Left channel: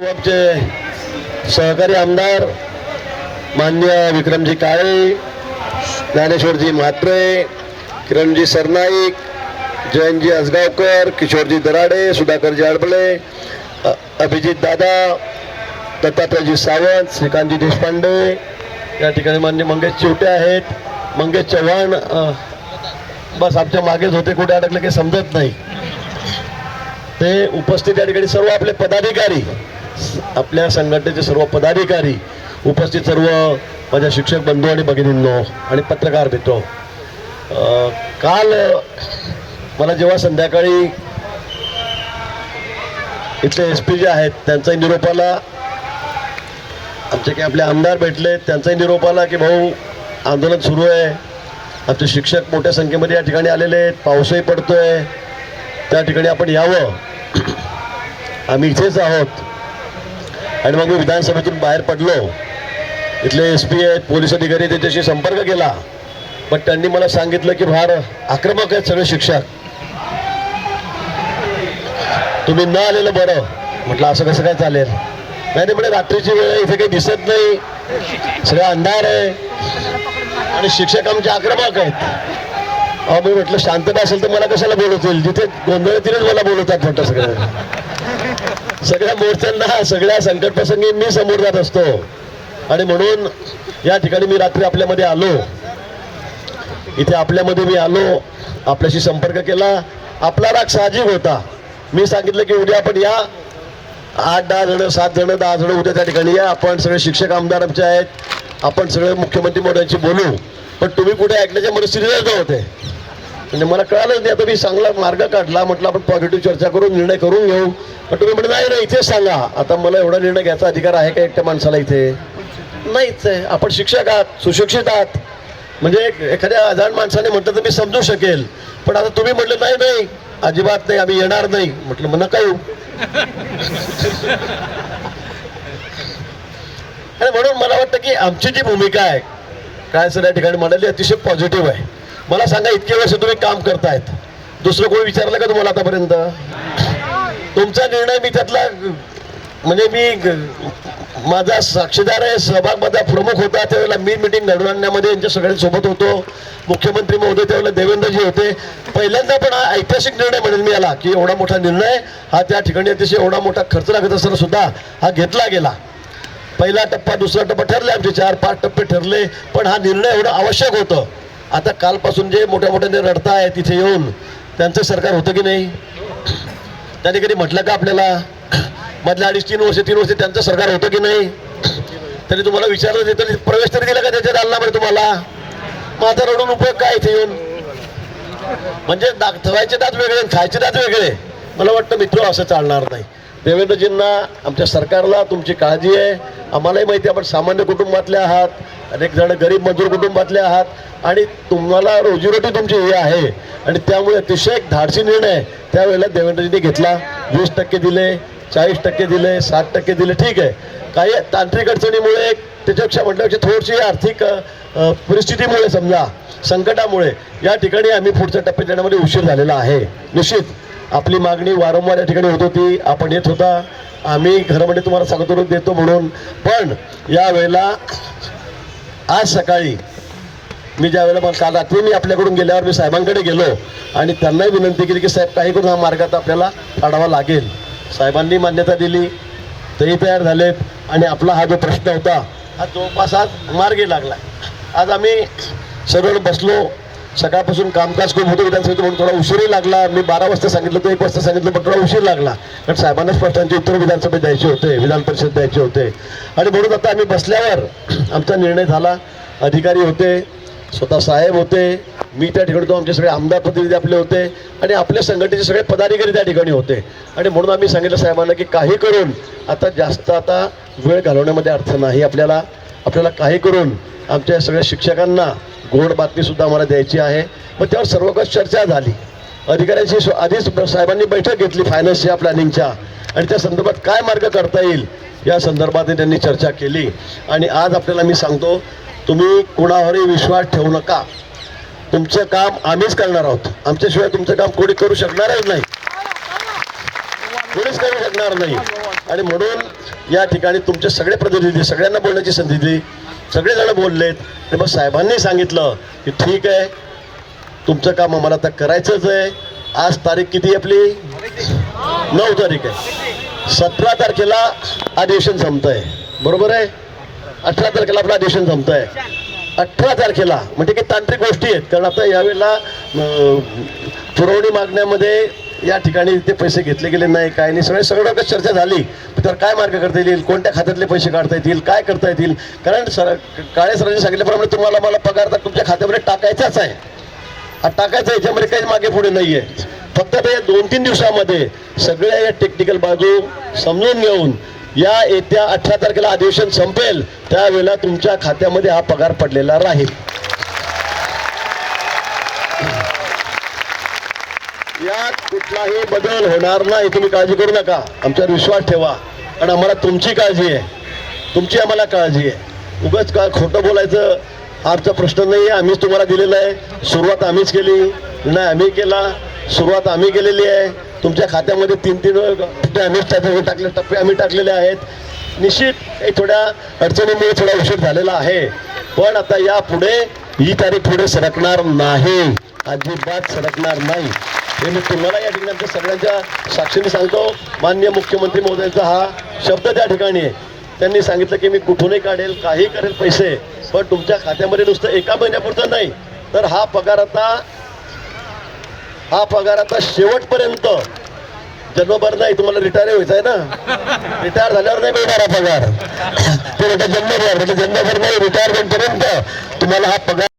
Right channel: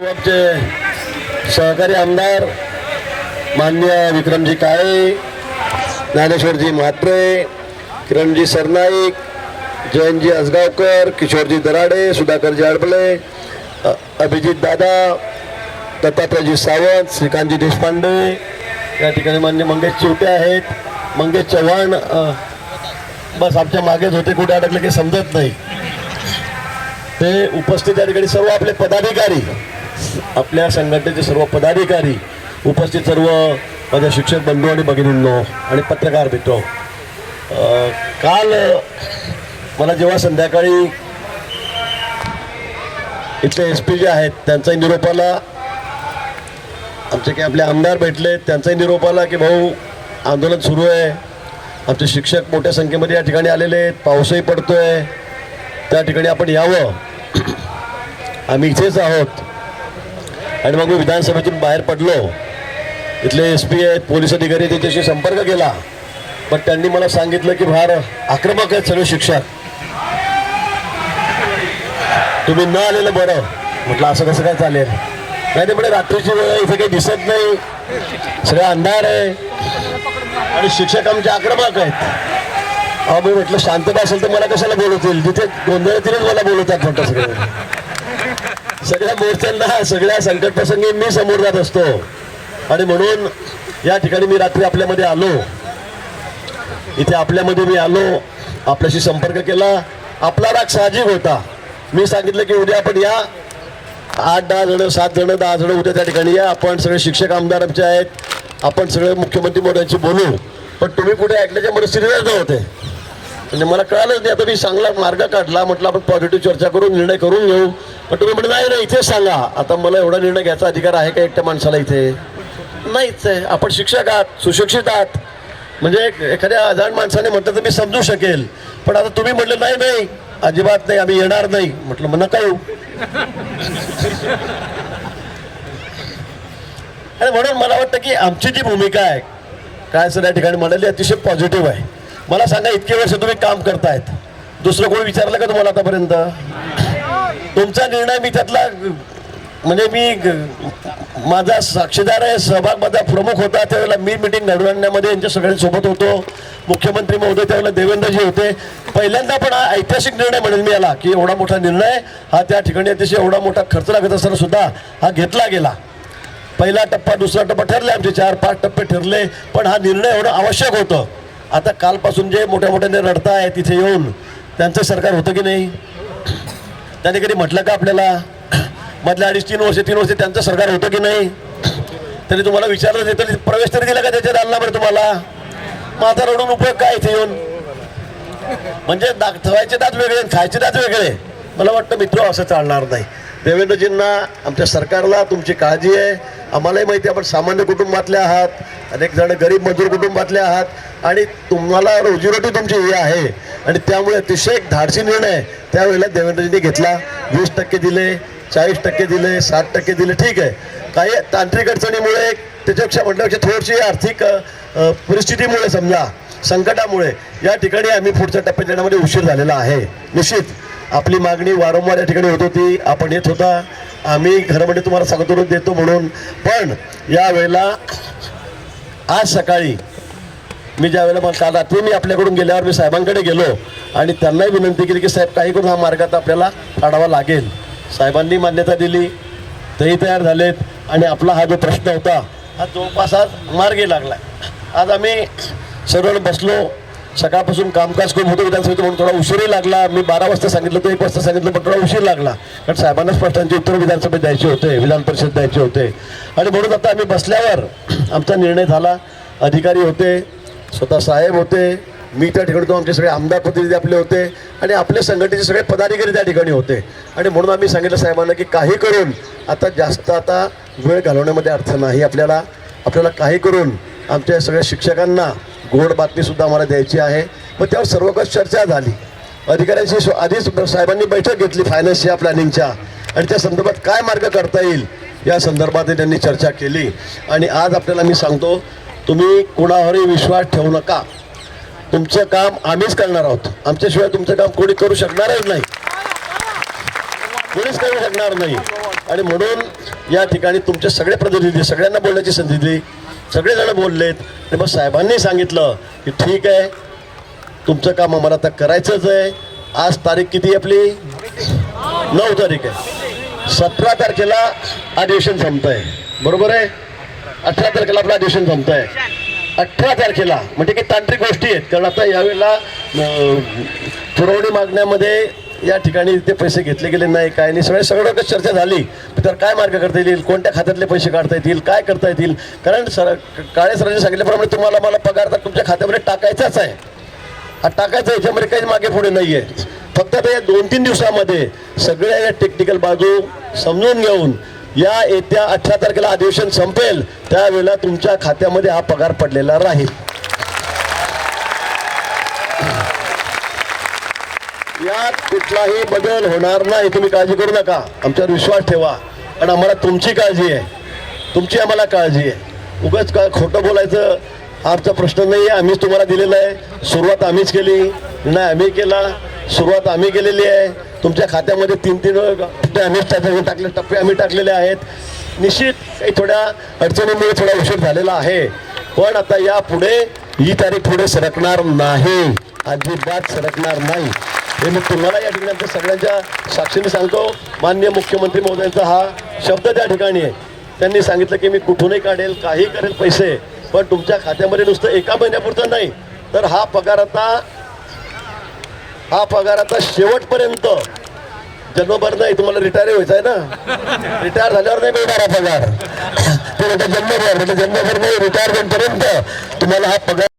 आमचे सहकारी आमदार मान्य विक्रमजी काळे ज्ञानेश्वरजी म्हात्रे किरणजी सरनाईक जयंतजी असगावकर किशोरजी दराडे सुधाकरजी आडबळे अभिजित दादा दत्तात्रयजी सावंत श्रीकांतजी देशपांडे या ठिकाणी मान्य मंगेश चिवटे आहेत. मंगेश चव्हाण बस आमच्या मागेच होते कुठे अडकले की समजत नाही. ते उपस्थित या ठिकाणी सर्व आपले पदाधिकारी आपल्या संघटनेचे सर्व पदाधिकारी उपस्थित सर्व माझ्या शिक्षक बंधू आणि भगिनींनो आणि पत्रकार मित्र काल मला जेव्हा संध्याकाळी इथले एस पी जे आहेत त्यांचाही निरोप आला. आमचे काही आपले आमदार भेटले त्यांचाही निरोप आला की भाऊ आंदोलन सुरू आहे. आमचे शिक्षक मोठ्या संख्येमध्ये या ठिकाणी आलेले आहेत पाऊसही पडतोय. त्या ठिकाणी आपण यावं. आम्ही इथेच आहोत. आणि मग मी विधानसभेतून बाहेर पडलो. इथले एस पी आहेत पोलीस अधिकारी त्याच्याशी संपर्क केला. पण त्यांनी मला सांगितलं की फार आक्रमक आहेत सगळे शिक्षक. तुम्ही न आलेलं बरं. म्हटलं असं कसं काय चालेल? नाही ते म्हणजे रात्रीची वेळ इथे काही दिसत नाही. सगळं अंधार आहे. आणि शिक्षक आमचे आक्रमक आहेत. अहो मी म्हटलं शांतता असेल तर मला कशाला बोलवतील? जिथे गोंधळ तिथेच मला बोलवतात म्हटलं सगळं. सगळ्या मोर्चांना सगळ्या संकट प्रसंगी मी समोर जात असतो. आणि म्हणून या ठिकाणी मी रात्री आपल्यामध्ये आलो. इथे आपल्यामध्ये मी आलो आपल्याशी संपर्क केला. आपला राग साहजिक होता. मी सांगितलं की उद्या आपण या. आठ दहा जण सात जण दहा जण उद्या त्या ठिकाणी या. आपण सगळे शिक्षक आमदार आमचे आहेत. आपण सगळे मुख्यमंत्री मोदयांशी बोलू. पण तुम्ही कुठे ऐकल्याच्या मला सिरियस नव्हते म्हणजे मला कळालंच नाही. आता मी चांगला मार्ग काढला. म्हटलं आपण पॉझिटिव्ह चर्चा करून निर्णय करून घेऊ. पण तुम्ही म्हणलं नाही नाही इथेच सांगा. आता मला एवढा निर्णय घ्यायचा अधिकार आहे का एकट्या माणसाला इथे? नाहीच आहे. आपण शिक्षक आहात सुशिक्षित आहात. म्हणजे एखाद्या अजाण माणसाने म्हटलं तर मी समजू शकेल. पण आता तुम्ही म्हटलं नाही नाही अजिबात नाही आम्ही येणार नाही. म्हटलं मग नका येऊ. आणि म्हणून मला वाटतं की आमची जी भूमिका आहे काय सर या ठिकाणी म्हणाली अतिशय पॉझिटिव्ह आहे. मला सांगा इतके वर्ष तुम्ही काम करतायत. दुसरं कोणी विचारलं का तुम्हाला आतापर्यंत? तुमचा निर्णय मी त्यातला म्हणजे मी ग- माझा साक्षीदार आहे सहभाग माझा प्रमुख होता त्यावेळेला मी मिटिंग घडवून आणण्यामध्ये यांच्या सगळ्यांसोबत होतो. मुख्यमंत्री महोदय त्यावेळेला देवेंद्रजी होते. पहिल्यांदा पण हा ऐतिहासिक निर्णय म्हणेल मी याला की एवढा मोठा निर्णय हा त्या ठिकाणी अतिशय एवढा मोठा खर्च लागत असताना सुद्धा हा घेतला गेला. पहिला टप्पा दुसरा टप्पा ठरले आमचे चार पाच टप्पे ठरले पण हा निर्णय एवढं आवश्यक होतं. आता कालपासून जे मोठ्या मोठ्याने रडताय तिथे येऊन त्यांचं सरकार होतं की नाही? त्यांनी कधी म्हटलं का आपल्याला? मधल्या अडीच तीन वर्ष तीन वर्ष त्यांचं सरकार होतं की नाही? तरी तुम्हाला विचारलं नाही तरी प्रवेश तरी दिला का त्याच्यात आणला बरं तुम्हाला? मग आता रडून उपयोग काय इथे येऊन? म्हणजे दा ठेवायचे दात वेगळे आणि खायचे दात वेगळे. मला वाटतं मित्र असं चालणार नाही. देवेंद्रजींना आमच्या सरकारला तुमची काळजी आहे. आम्हालाही माहिती आहे आपण सामान्य कुटुंबातले आहात. अनेक जण गरीब मजूर कुटुंबातले आहात. आणि तुम्हाला रोजीरोटी तुमची ही आहे. आणि त्यामुळे अतिशय एक धाडसी निर्णय त्यावेळेला देवेंद्रजींनी घेतला. वीस टक्के दिले चाळीस टक्के दिले साठ टक्के दिले. ठीक आहे. काही तांत्रिक अडचणीमुळे त्याच्यापेक्षा म्हटल्यापेक्षा थोडीशी आर्थिक परिस्थितीमुळे समजा संकटामुळे या ठिकाणी आम्ही पुढच्या टप्प्यात येण्यामध्ये उशीर झालेला आहे. निश्चित आपली मागणी वारंवार या ठिकाणी होत होती. आपण येत होता. आम्ही घरामध्ये म्हणजे तुम्हाला सांगतो देतो म्हणून. पण या वेळेला आज सकाळी मी ज्या वेळेला मग काल ते मी आपल्याकडून गेल्यावर मी साहेबांकडे गेलो आणि त्यांनाही विनंती केली की साहेब काही करून हा मार्गात आपल्याला काढावा लागेल. साहेबांनी मान्यता दिली तेही तयार झालेत आणि आपला हा जो प्रश्न होता हा जवळपास आज मार्गी लागला. आज आम्ही सर्व बसलो. सकाळपासून कामकाज खूप होतं विधानसभेत म्हणून थोडा उशीरही लागला. मी बारा वाजता सांगितलं तर एक वाजता सांगितलं पण थोडा उशीर लागला. कारण साहेबांनाच प्रश्नांची उत्तर विधानसभेत द्यायचे होते विधान परिषद द्यायचे होते. आणि म्हणून आता आम्ही बसल्यावर आमचा निर्णय झाला. अधिकारी होते स्वतः साहेब होते मी त्या ठिकाणी होतो आमचे सगळे आमदार प्रतिनिधी आपले होते आणि आपल्या संघटनेचे सगळे पदाधिकारी त्या ठिकाणी होते. आणि म्हणून आम्ही सांगितलं साहेबांना की काही करून आता जास्त आता वेळ घालवण्यामध्ये अर्थ नाही आपल्याला. आपल्याला काही करून आमच्या सगळ्या शिक्षकांना गोड बातमीसुद्धा आम्हाला द्यायची आहे. मग त्यावर सर्वकष चर्चा झाली. अधिकाऱ्यांशी आधीच साहेबांनी बैठक घेतली फायनान्सच्या प्लॅनिंगच्या आणि त्या संदर्भात काय मार्ग करता येईल या संदर्भात त्यांनी चर्चा केली. आणि आज आपल्याला मी सांगतो तुम्ही कुणावरही विश्वास ठेवू नका. तुमचं काम आम्हीच करणार आहोत. आमच्याशिवाय तुमचं काम कोणी करू शकणारच नाही. कोणीच करू शकणार नाही. आणि म्हणून या ठिकाणी तुमचे सगळे प्रतिनिधी सगळ्यांना बोलण्याची संधी दिली. सगळेजण बोललेत. आणि मग साहेबांनी सांगितलं की ठीक आहे. तुमचं काम आम्हाला आता करायचंच आहे. आज तारीख किती आहे आपली? नऊ तारीख आहे. सतरा तारखेला अधिवेशन संपत आहे बरोबर आहे? अठरा तारखेला आपला अधिवेशन जमत आहे अठरा तारखेला. म्हणजे काही तांत्रिक गोष्टी आहेत. कारण आता यावेळेला पुरवणी मागण्यामध्ये या ठिकाणी ते पैसे घेतले गेले नाही काय नाही. सगळे सगळं चर्चा झाली. तर काय मार्ग करता येईल? कोणत्या खात्यातले पैसे काढता येतील? काय करता येतील? कारण सर काळे सरांनी सांगितल्याप्रमाणे तुम्हाला मला पगार तर तुमच्या खात्यामध्ये टाकायचाच आहे. हा टाकायचा याच्यामध्ये काही मागे पुढे नाही आहे फक्त ते या दोन तीन दिवसामध्ये सगळ्या या टेक्निकल बाजू समजून घेऊन या येत्या अठरा तारखेला अधिवेशन संपेल त्यावेळेला तुमच्या खात्यामध्ये हा पगार पडलेला राहील. यात कुठलाही बदल होणार नाही तुम्ही काळजी करू नका. आमच्यावर विश्वास ठेवा. कारण आम्हाला तुमची काळजी आहे. तुमची आम्हाला काळजी आहे. उगाच काय खोटं बोलायचं आमचा प्रश्न नाही आहे. आम्हीच तुम्हाला दिलेला आहे. सुरुवात आम्हीच केली. नाही आम्ही केला. सुरुवात आम्ही केलेली आहे. तुमच्या खात्यामध्ये तीन तीन टप्पे आम्हीच टाकले टाकले टप्पे आम्ही टाकलेले आहेत. निश्चित काही थोड्या अडचणीमुळे थोडा उशीर झालेला आहे. पण आता यापुढे ही तारीख पुढे सरकणार नाही. अजिबात सरकणार नाही. हे मी तुम्हाला या ठिकाणी सगळ्यांच्या साक्षीने सांगतो. मान्य मुख्यमंत्री महोदयांचा हा शब्द त्या ठिकाणी आहे. त्यांनी सांगितलं की मी कुठूनही काढेल काही करेल पैसे पण तुमच्या खात्यामध्ये नुसतं एका महिन्यापुरतं नाही. तर हा पगार आता हा पगार आता शेवटपर्यंत. जन्मभर नाही तुम्हाला रिटायर व्हायचं आहे ना? रिटायर झाल्यावर नाही मिळणार हा पगार. ते जन्मभर म्हणजे जन्मभर नाही रिटायरमेंट पर्यंत तुम्हाला हा पगार